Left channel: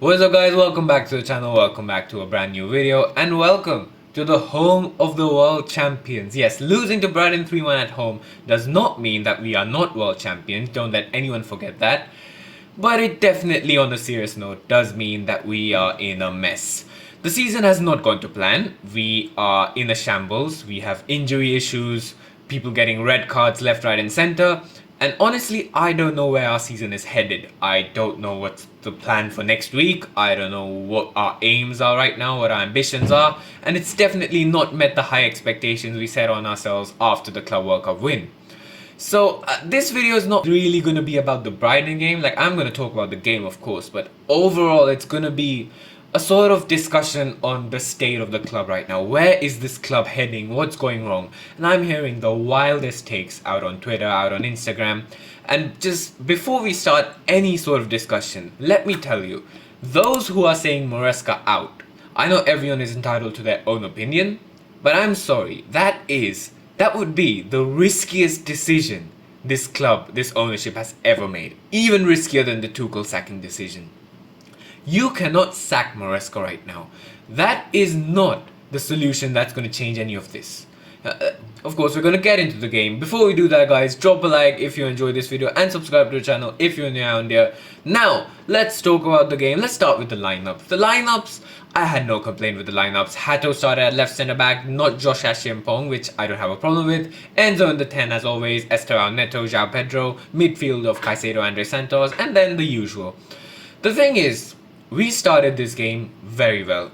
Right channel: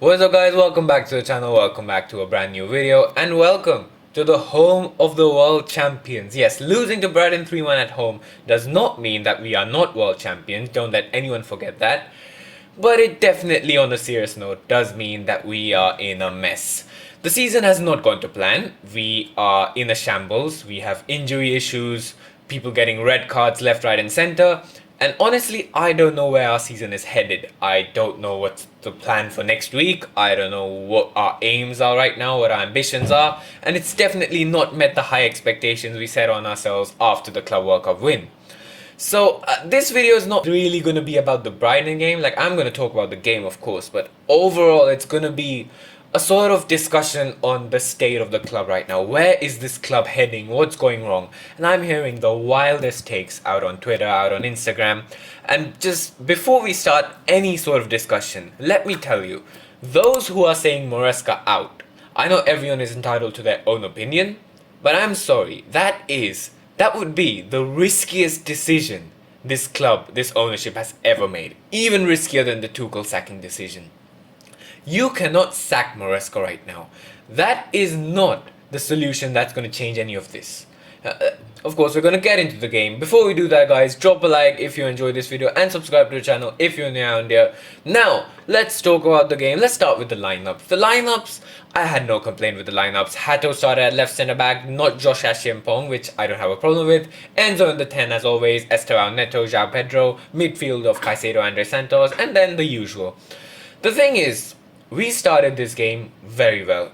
What's up guys, welcome back to the channel, welcome back to a brand new video, and welcome to the home of the world champions. Yes, losing to Brighton 3-1 at home does not mean that we are not world champions, don't let anyone forget that. But it definitely, on a serious note, does mean that we are in a mess. The season has not gone to plan, we are in a shambles, we have injury issues, people getting red cards left, right and center. And honestly, I don't know where our season is headed. I don't know what's the plan for next week. I don't know what our aims are right now, what our ambitions are. And it's definitely not met the high expectations we set on ourselves after the Club World Cup win. So this video is not really going to be about the Brighton game. Like, I'm going to talk about the game, of course. But overall, it's going to be a sort of discussion on the state of the club right now. Where is this club heading? What's going wrong? And I'm hearing the wildest takes out on Twitter, out on Instagram. And just before we start any sort of discussion, let me tell you, those who are saying Maresca out, I know everyone is entitled to their own opinion, but I'm sorry, that would be the riskiest decision this club, this ownership has ever made. Even riskier than the Tuchel sacking decision. You cannot sack Maresca right now. That is not the solution that's going to change any of this. Of course, we're going to get into the game. Before we do that, guys, drop a like if you enjoyed this video and subscribe to the channel if you're new around here. Now, let's talk about the game. Let's start with the lineups. The lineups, I had no complaint with the lineups. Hato started at left centre back, not Josh Ashimpong, which I don't have a problem with. Enzo in the 10 as always, Esteban Neto, João Pedro, midfield of Caicedo, Andre Santos, and then the usual. The thing is, we started this game very well.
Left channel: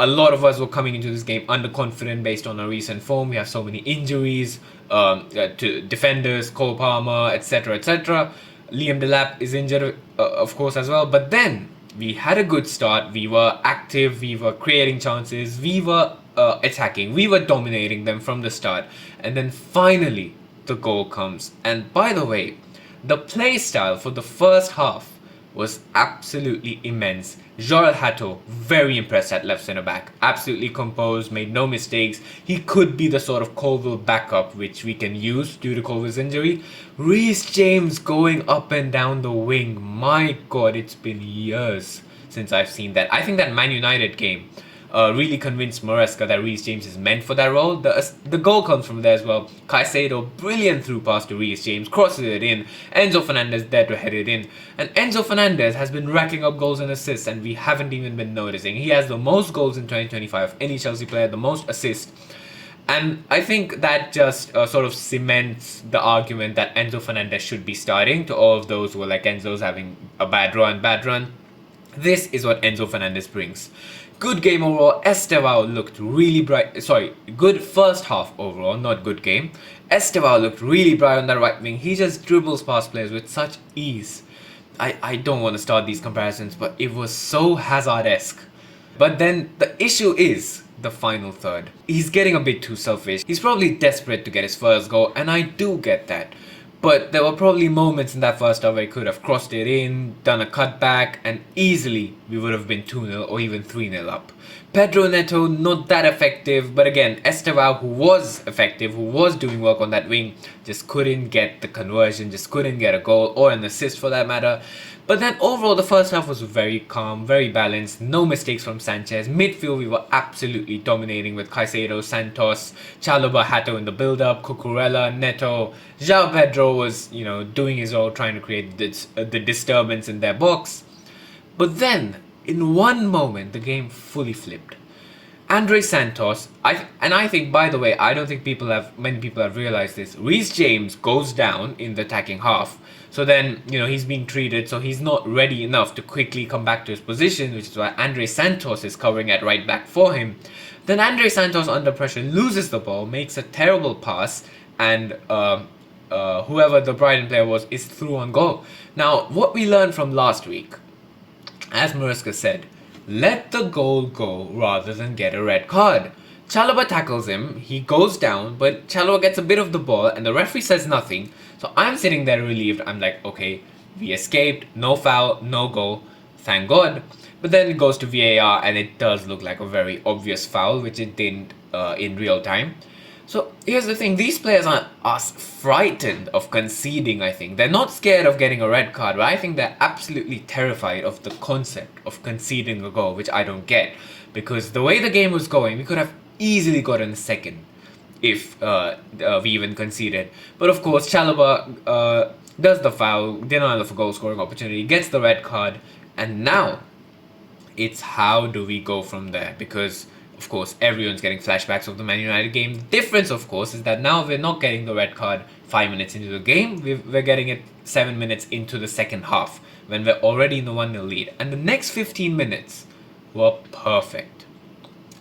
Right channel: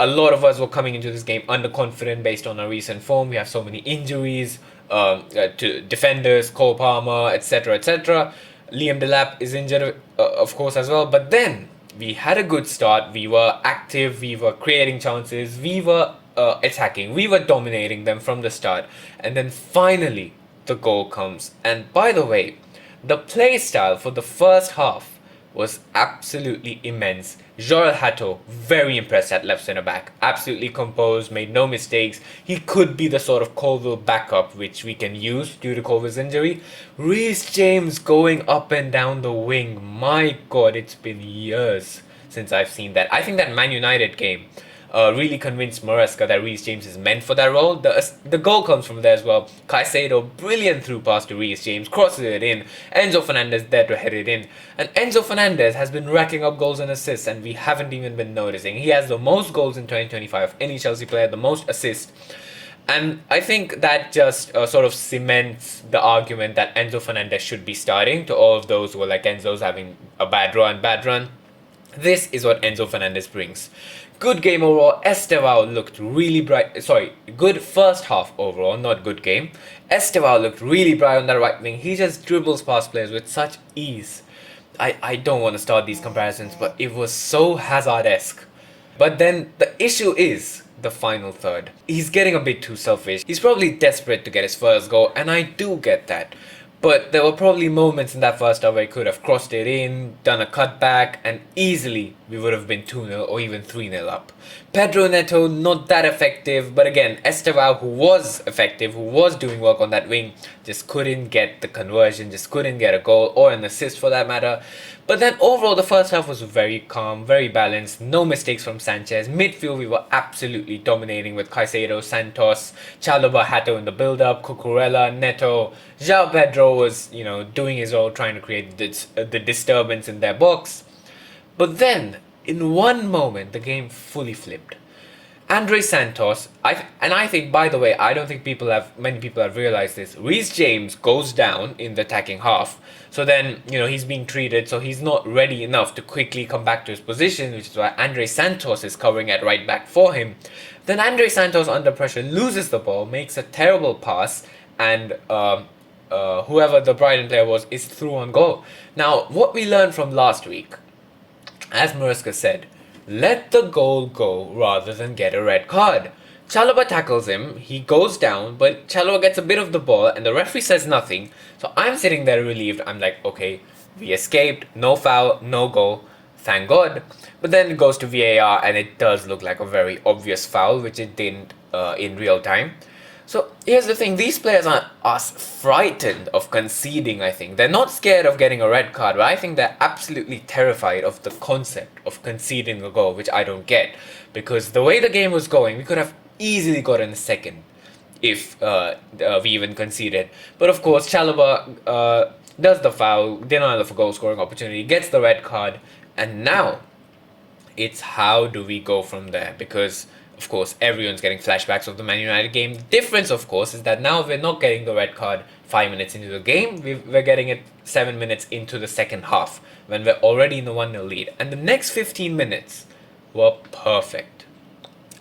A lot of us were coming into this game underconfident based on our recent form. We have so many injuries to defenders, Cole Palmer, etc., etc. Liam Delap is injured, of course, as well. But then we had a good start. We were active. We were creating chances. We were attacking. We were dominating them from the start. And then finally, the goal comes. And by the way, the play style for the first half was absolutely immense. Joel Hato, very impressed at left centre back. Absolutely composed, made no mistakes. He could be the sort of Colville backup which we can use due to Colville's injury. Reece James going up and down the wing. My god, it's been years since I've seen that. I think that Man United game really convinced Maresca that Reece James is meant for that role. The goal comes from there as well. Caicedo, brilliant through pass to Reece James, crosses it in. Enzo Fernandez there to head it in. And Enzo Fernandez has been racking up goals and assists, and we haven't even been noticing. He has the most goals in 2025 of any Chelsea player, the most assists. And I think that just sort of cements the argument that Enzo Fernandez should be starting to all of those who are like, Enzo's having a bad run. This is what Enzo Fernandez brings. Good game overall. Estevao looked really bright. Sorry, good first half overall, not good game. Estevao looked really bright on that right wing. He just dribbles past players with such ease. I don't want to start these comparisons, but it was so Hazard-esque. But then the issue is the final third. He's getting a bit too selfish. He's probably desperate to get his first goal, and I do get that. But there were probably moments in that first half where he could have crossed it in, done a cutback, and easily we would have been 2-0 or even 3-0 up. Pedro Neto, not that effective, but again, Estevao, who was effective, who was doing work on that wing, just couldn't get the conversion, just couldn't get a goal or an assist for that matter. But then overall, the first half was very calm, very balanced, no mistakes from Sanchez. Midfield, we were absolutely dominating with Caicedo, Santos, Chalobah, Hato in the build-up, Cucurella, Neto. João Pedro was, doing his role, trying to create the disturbance in their box. But then, in one moment, the game fully flipped. Andre Santos, I think, by the way, I don't think many people have realized this. Reece James goes down in the attacking half. So then, he's being treated, so he's not ready enough to quickly come back to his position, which is why Andre Santos is covering at right back for him. Then Andre Santos, under pressure, loses the ball, makes a terrible pass, and whoever the Brighton player was is through on goal. Now, what we learned from last week, as Maresca said, let the goal go rather than get a red card. Chalobah tackles him, he goes down, but Chalobah gets a bit of the ball and the referee says nothing. So I'm sitting there relieved. I'm like, okay, we escaped, no foul, no goal, thank God. But then it goes to VAR and it does look like a very obvious foul, which it didn't in real time. So here's the thing, these players are frightened of conceding, I think. They're not scared of getting a red card, but I think they're absolutely terrified of the concept of conceding a goal, which I don't get. Because the way the game was going, we could have easily gotten a second if we even conceded. But of course, Chalobah does the foul, denial of a goal scoring opportunity, gets the red card, and now it's how do we go from there? Because of course everyone's getting flashbacks of the Man United game. The difference, of course, is that now we're not getting the red card 5 minutes into the game. We're getting it 7 minutes into the second half when we're already in the 1-0 lead. And the next 15 minutes were perfect.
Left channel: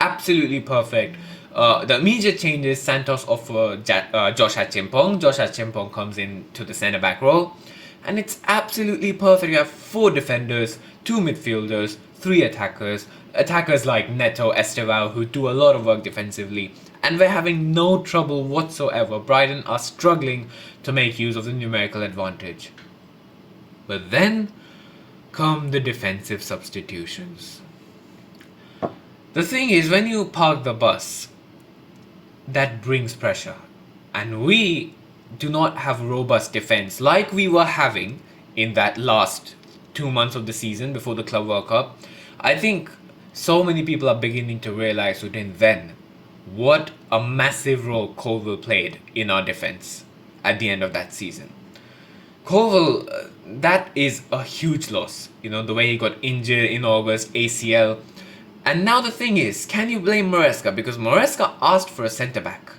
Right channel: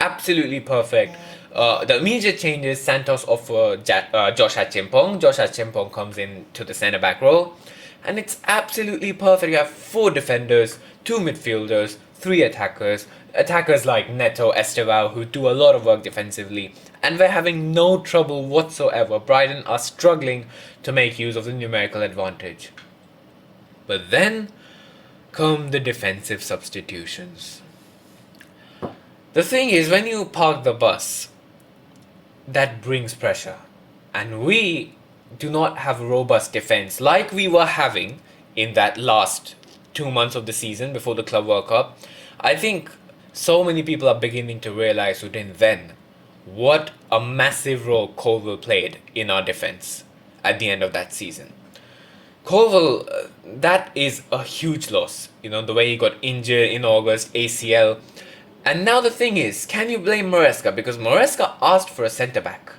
Absolutely perfect. The immediate changes, Santos off Josh Achimpong. Josh Achimpong comes into the centre-back role. And it's absolutely perfect. You have 4 defenders, 2 midfielders, 3 attackers. Attackers like Neto, Estevao, who do a lot of work defensively. And we're having no trouble whatsoever. Brighton are struggling to make use of the numerical advantage. But then come the defensive substitutions. The thing is, when you park the bus, that brings pressure. And we do not have robust defense like we were having in that last 2 months of the season before the Club World Cup. I think so many people are beginning to realize within then what a massive role Colville played in our defense at the end of that season. Colville, that is a huge loss. You know, the way he got injured in August, ACL. And now the thing is, can you blame Maresca? Because Maresca asked for a centre-back.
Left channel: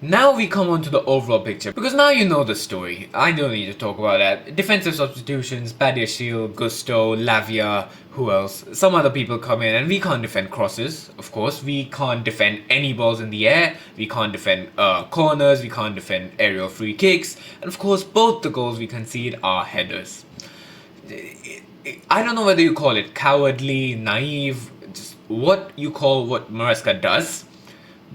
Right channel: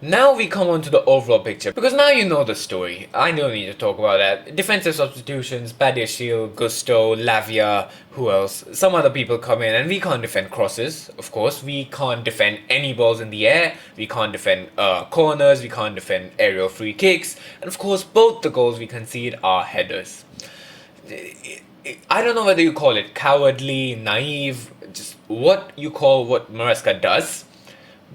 Now we come on to the overall picture, because now you know the story. I don't need to talk about that. Defensive substitutions, Badiashile, Gusto, Lavia, who else? Some other people come in, and we can't defend crosses, of course. We can't defend any balls in the air. We can't defend corners. We can't defend aerial free kicks. And of course, both the goals we concede are headers. I don't know whether you call it cowardly, naive, just what you call what Maresca does.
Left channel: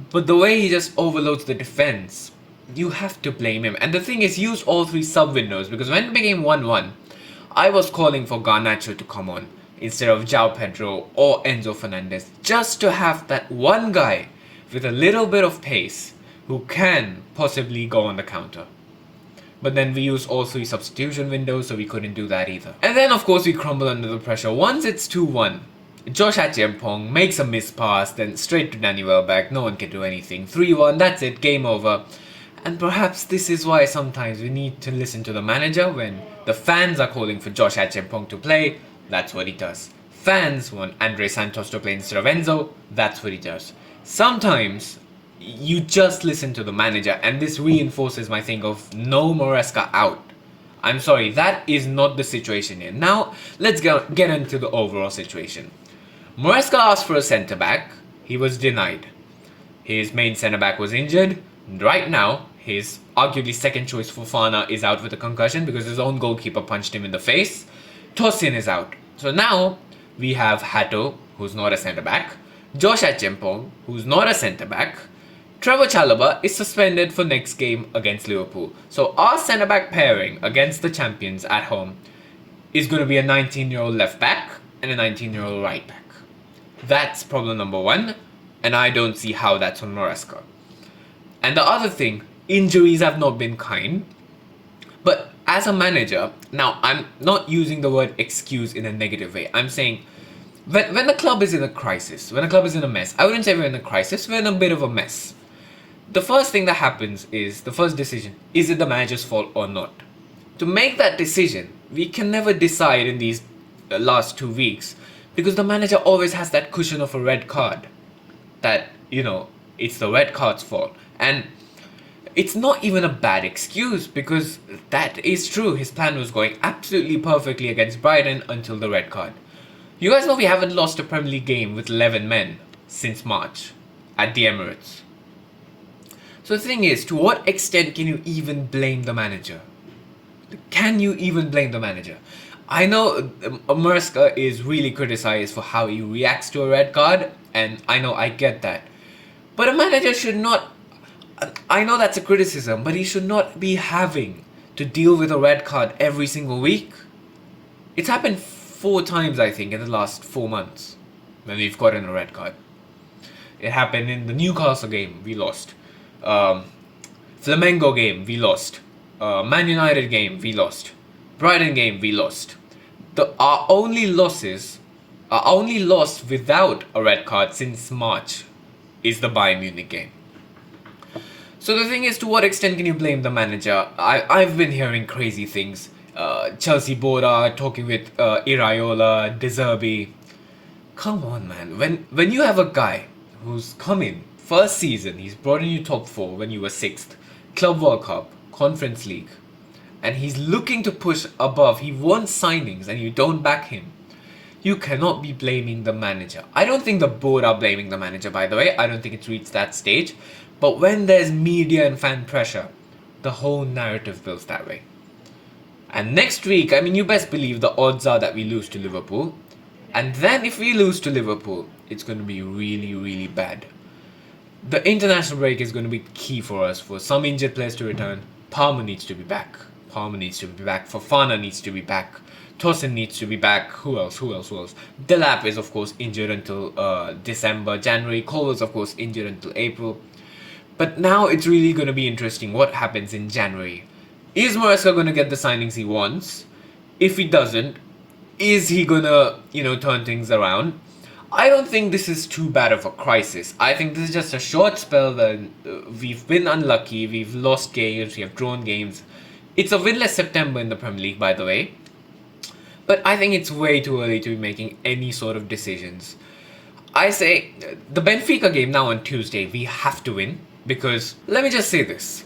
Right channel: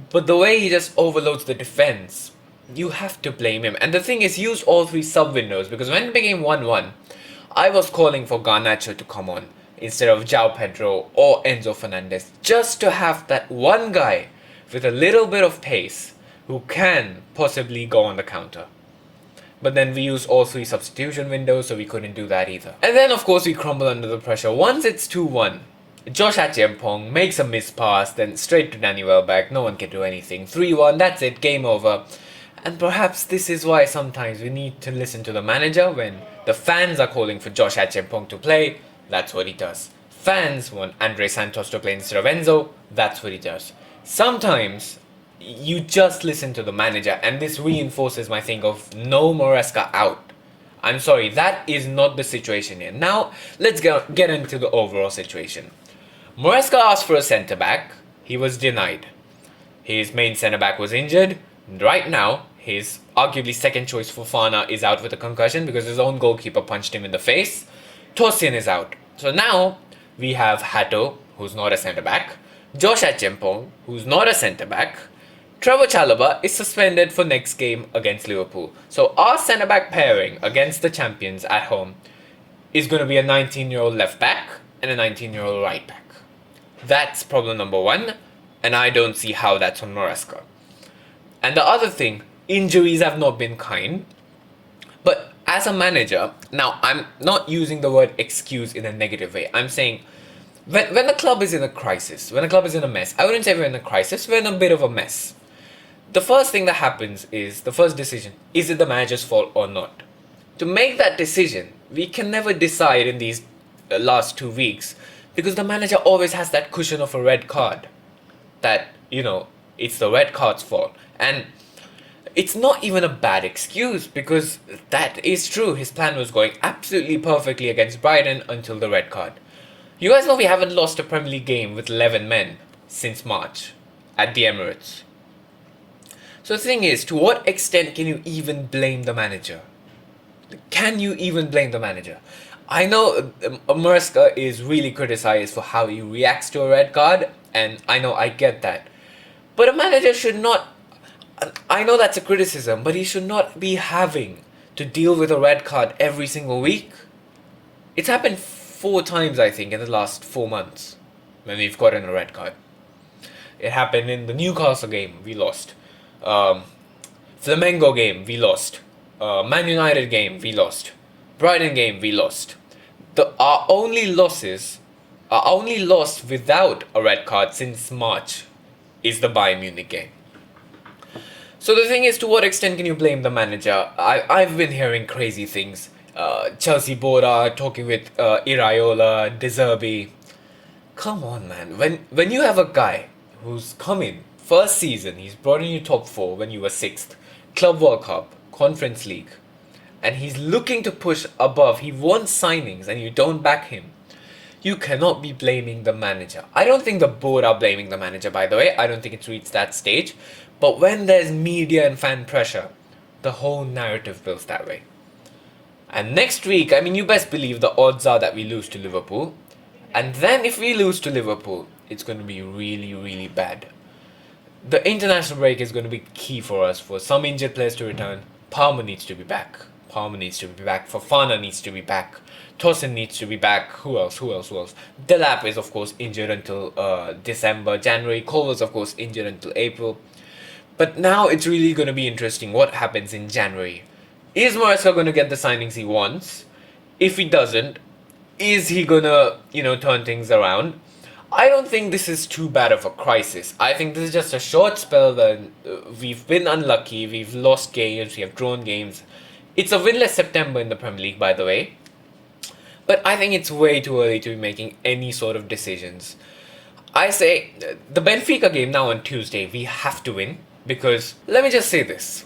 But the way he just overloads the defense, you have to blame him. And the thing is, he used all 3 sub-windows, because when it became 1-1, I was calling for Garnacho to come on instead of João Pedro or Enzo Fernandez, just to have that one guy with a little bit of pace who can possibly go on the counter. But then we used all 3 substitution windows, so we couldn't do that either. And then of course we crumble under the pressure. Once it's 2-1, Josh Achimpong makes a missed pass, then straight to Danny Welbeck, no one can do anything. 3-1, that's it, game over. And perhaps this is why sometimes we need to listen to the manager. When the fans are calling for Josh Achimpong to play, that's what he does. Fans want Andre Santos to play instead of Enzo, that's what he does. Sometimes you just listen to the manager, and this reinforces my thing of no Maresca out. I'm sorry, that is not the situation here. Now, let's get into the overall situation. Maresca asked for a centre-back. He was denied. His main centre-back was injured. Right now, his arguably second choice Fofana is out with a concussion because his own goalkeeper punched him in the face. Tosin is out. So now, we have Hato, who's not a centre-back. Josh Achimpong, who's not a centre-back. Trevor Chalobah is suspended for next game against Liverpool. So our centre-back pairing against the champions at home is going to be a 19-year-old left-back and a 19-year-old right-back. That's problem number 1, and I don't see how that's on Maresca. And the other thing, injuries have not been kind. But as a manager, now I'm not using the word excuse in a negative way. I'm saying when the club is in a crisis, when the club is in a mess, I wouldn't say we're in a crisis, we're in a bit of a mess. The first thing that happens is, the first decision, is it the manager's fault or not? To make that decision, we can never decide in these last 2 weeks, because the manager always has that cushion of a red card. That, you know, it's the red card's fault. And it's not even a bad excuse, because that is true. His plan was going absolutely perfectly against Brighton until the red card. You guys know we haven't lost a Premier League game with 11 men since March at the Emirates. So the thing is, to what extent can you even blame the manager? Can you even blame the manager? I know Maresca is really criticized for how he reacts to a red card, and I know I get that. But a manager should not... I know that's a criticism, but he should not be having to deal with a red card every single week. It's happened 4 times, I think, in the last 4 months when we've gotten a red card. It happened in the Newcastle game, we lost. Flamengo game, we lost. Man United game, we lost. Brighton game, we lost. Our only loss without a red card since March is the Bayern Munich game. So the thing is, to what extent can you blame the manager? I've been hearing crazy things. Chelsea board are talking with Iraola, De Zerbi. Come on, man. When you have a guy who's come in, first season, he's brought in you top 4 when you were 6th, Club World Cup, Conference League, and he's looking to push above, he wants signings and you don't back him, you cannot be blaming the manager. I don't think the board are blaming the manager, by the way. I don't think it's reached that stage. But when there's media and fan pressure, the whole narrative builds that way. And next week, I mean, you best believe the odds are that we lose to Liverpool. And then if we lose to Liverpool, it's going to be really, really bad. The international break is going to be key for us, for some injured players to return. Palmer needs to be back. Fofana needs to be back. Tosin needs to be back. Who else? Delap is, of course, injured until December, January. Colville's, of course, injured until April. But now it's really going to be interesting what happens in January. Is Maresca going to get the signings he wants? If he doesn't, is he going to, turn things around? I don't think this is too bad of a crisis. I think this is just a short spell that we've been unlucky, we've lost games, we have drawn games. It's a winless September in the Premier League, by the way. But I think it's way too early to be making any sort of decisions. I say, the Benfica game now on Tuesday, we have to win. Because, let me just say this.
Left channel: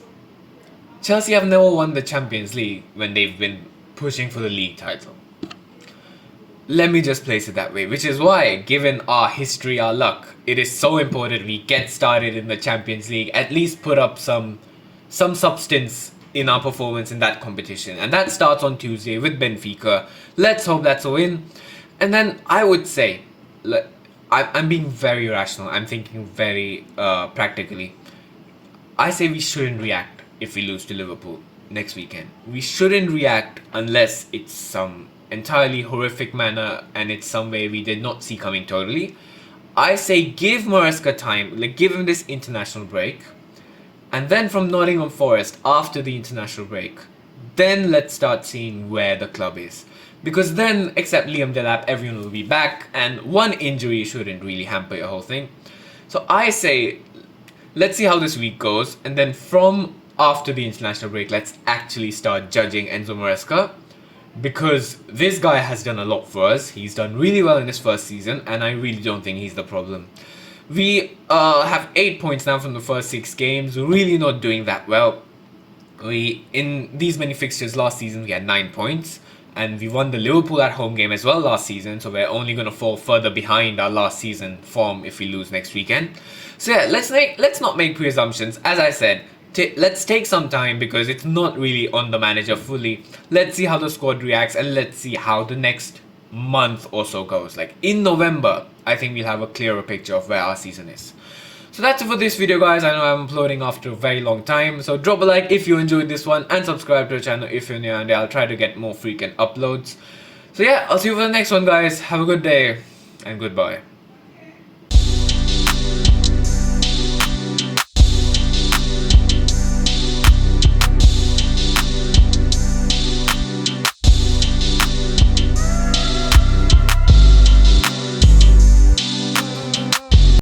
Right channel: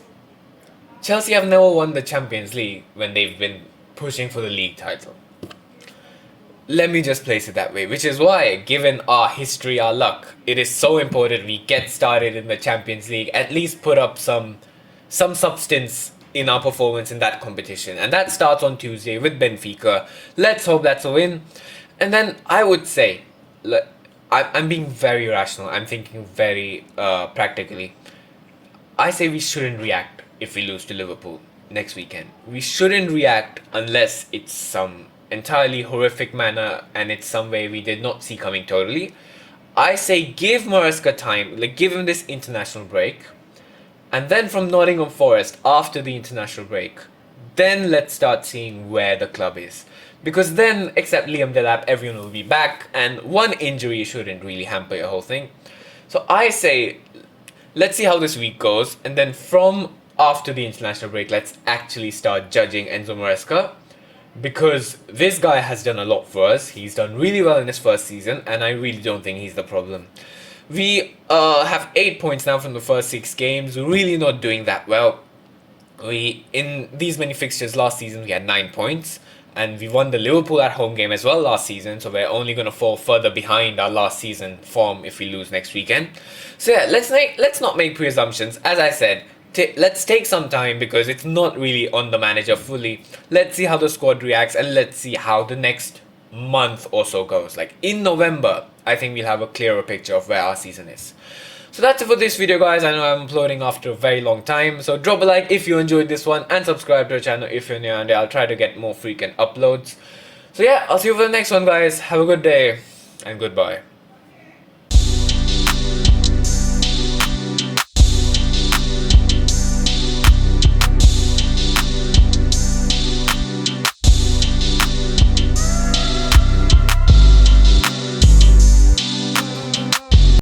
Chelsea have never won the Champions League when they've been pushing for the league title. Let me just place it that way. Which is why, given our history, our luck, it is so important we get started in the Champions League. At least put up some substance in our performance in that competition. And that starts on Tuesday with Benfica. Let's hope that's a win. And then I would say, I'm being very rational. I'm thinking very practically. I say we shouldn't react if we lose to Liverpool next weekend. We shouldn't react unless it's some entirely horrific manner and it's some way we did not see coming totally. I say give Maresca time, give him this international break. And then from Nottingham Forest, after the international break, then let's start seeing where the club is. Because then, except Liam Delap, everyone will be back, and one injury shouldn't really hamper your whole thing. So I say, let's see how this week goes, and then from after the international break, let's actually start judging Enzo Maresca. Because this guy has done a lot for us. He's done really well in his first season, and I really don't think he's the problem. We have 8 points now from the first 6 games. We're really not doing that well. In these many fixtures last season, we had 9 points. And we won the Liverpool at home game as well last season. So we're only going to fall further behind our last season form if we lose next weekend. So yeah, let's not make presumptions. As I said, let's take some time because it's not really on the manager fully. Let's see how the squad reacts and let's see how the next month or so goes. In November, I think we'll have a clearer picture of where our season is. So that's it for this video, guys. I know I'm uploading after a very long time, so drop a like if you enjoyed this one and subscribe to the channel if you're new, and I'll try to get more frequent uploads. So yeah, I'll see you for the next one, guys. Have a good day and goodbye.